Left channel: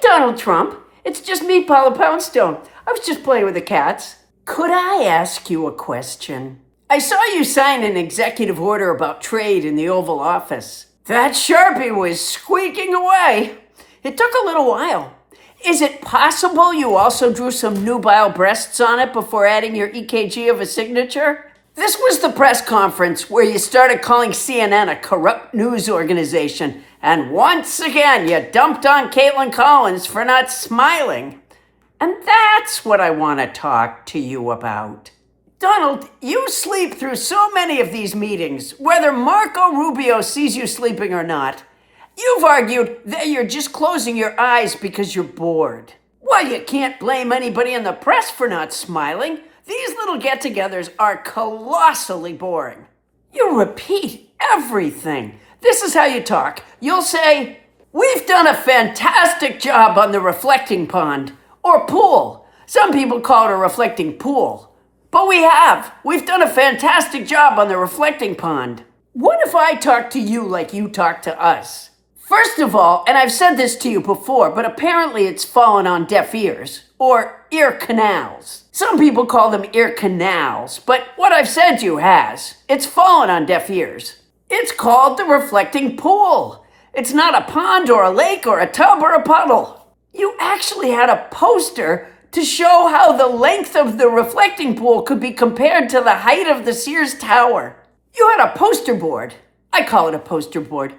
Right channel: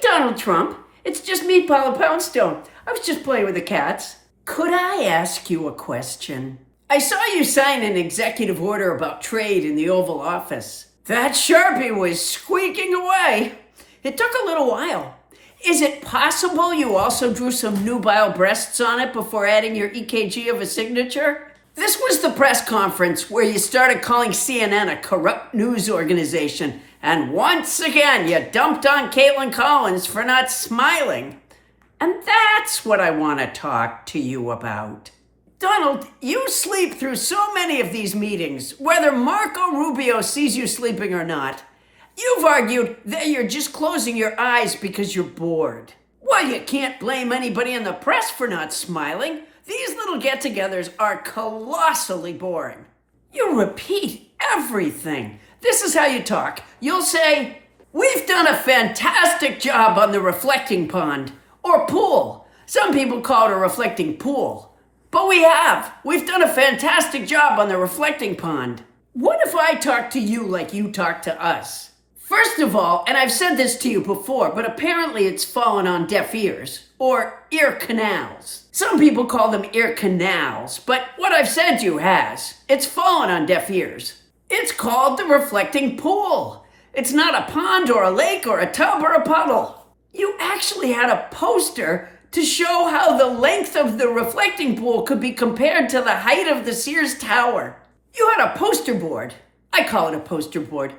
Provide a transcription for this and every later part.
Donald Trump. It's just me, Paula Poundstone. I was just playing with the cats. Could I ask you a question? I saw you sign an executive order about trade in the Oval Office. That Sharpie was squeaking away. It took a little while. Is it possible you also drew some nubile breasts on it before adding your EKG of a signature? This was the press conference where you started calling CNN a corrupt news organization, and once again you dumped on Kaitlin Collins for not smiling. And that's what I want to talk to you about. Donald, you sleep through so many of these meetings, whether Marco Rubio sees you sleeping or not. You've argued that you're just closing your eyes because you're bored. Well, you can't blame anybody in the press for not smiling. These little get-togethers are colossally boring. You repeat everything. This is how you talk. You'll say, "We've done a fantastic job on the reflecting pond," or pool. Some people call it a reflecting pool. But we've done a fantastic job on the reflecting pond. What if I talk to you like you talk to us? First of all, and I've said this to you before, but apparently it's fallen on deaf ears, or ear canals. Some people call them ear canals, but what I've said to you has. It's fallen on deaf ears. It's called the reflecting pool. It's not a pond or a lake or a tub or a puddle. You actually had a poster to show how the length of the reflecting pool could be compared to the height of the Sears Tower. You had a poster board. I call it a poster board.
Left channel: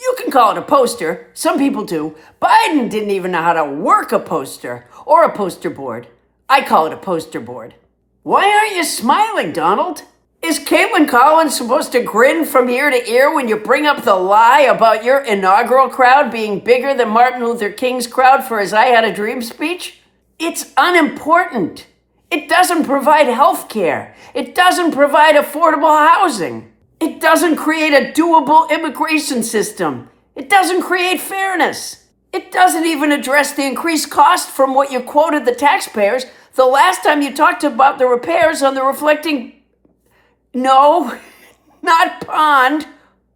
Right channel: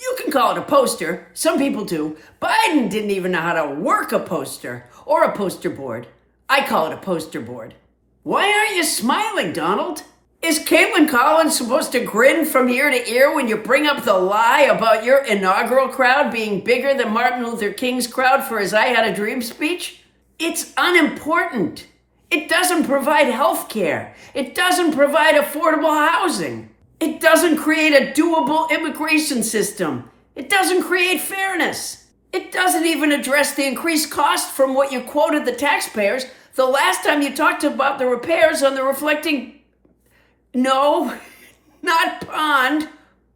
You can call it a poster. Some people do. Biden didn't even know how to work a poster or a poster board. I call it a poster board. Why aren't you smiling, Donald? Is Kaitlin Collins supposed to grin from ear to ear when you bring up the lie about your inaugural crowd being bigger than Martin Luther King's crowd for his I Had a Dream speech? It's unimportant. It doesn't provide health care. It doesn't provide affordable housing. It doesn't create a doable immigration system. It doesn't create fairness. It doesn't even address the increased cost from what you quoted the taxpayers the last time you talked about the repairs on the reflecting... No, not pond,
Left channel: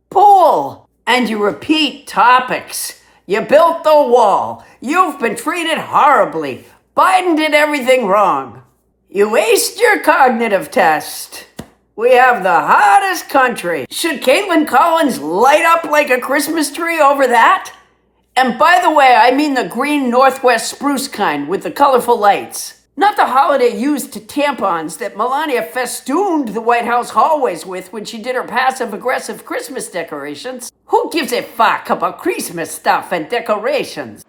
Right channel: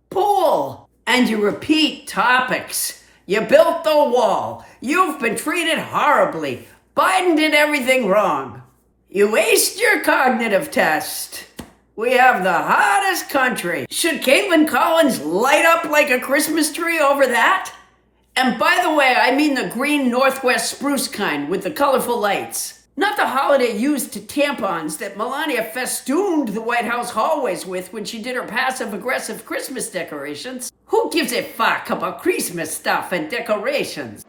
pool. And you repeat topics. You built the wall. You've been treated horribly. Biden did everything wrong. You aced your cognitive test. We have the hottest country. Should Kaitlin Collins light up like a Christmas tree over that? And by the way, I mean the green Northwest spruce kind with the colorful lights. Not the holiday used tampons that Melania festooned the White House hallways with when she did her passive-aggressive Christmas decorations. Who gives a fuck about Christmas stuff and decorations?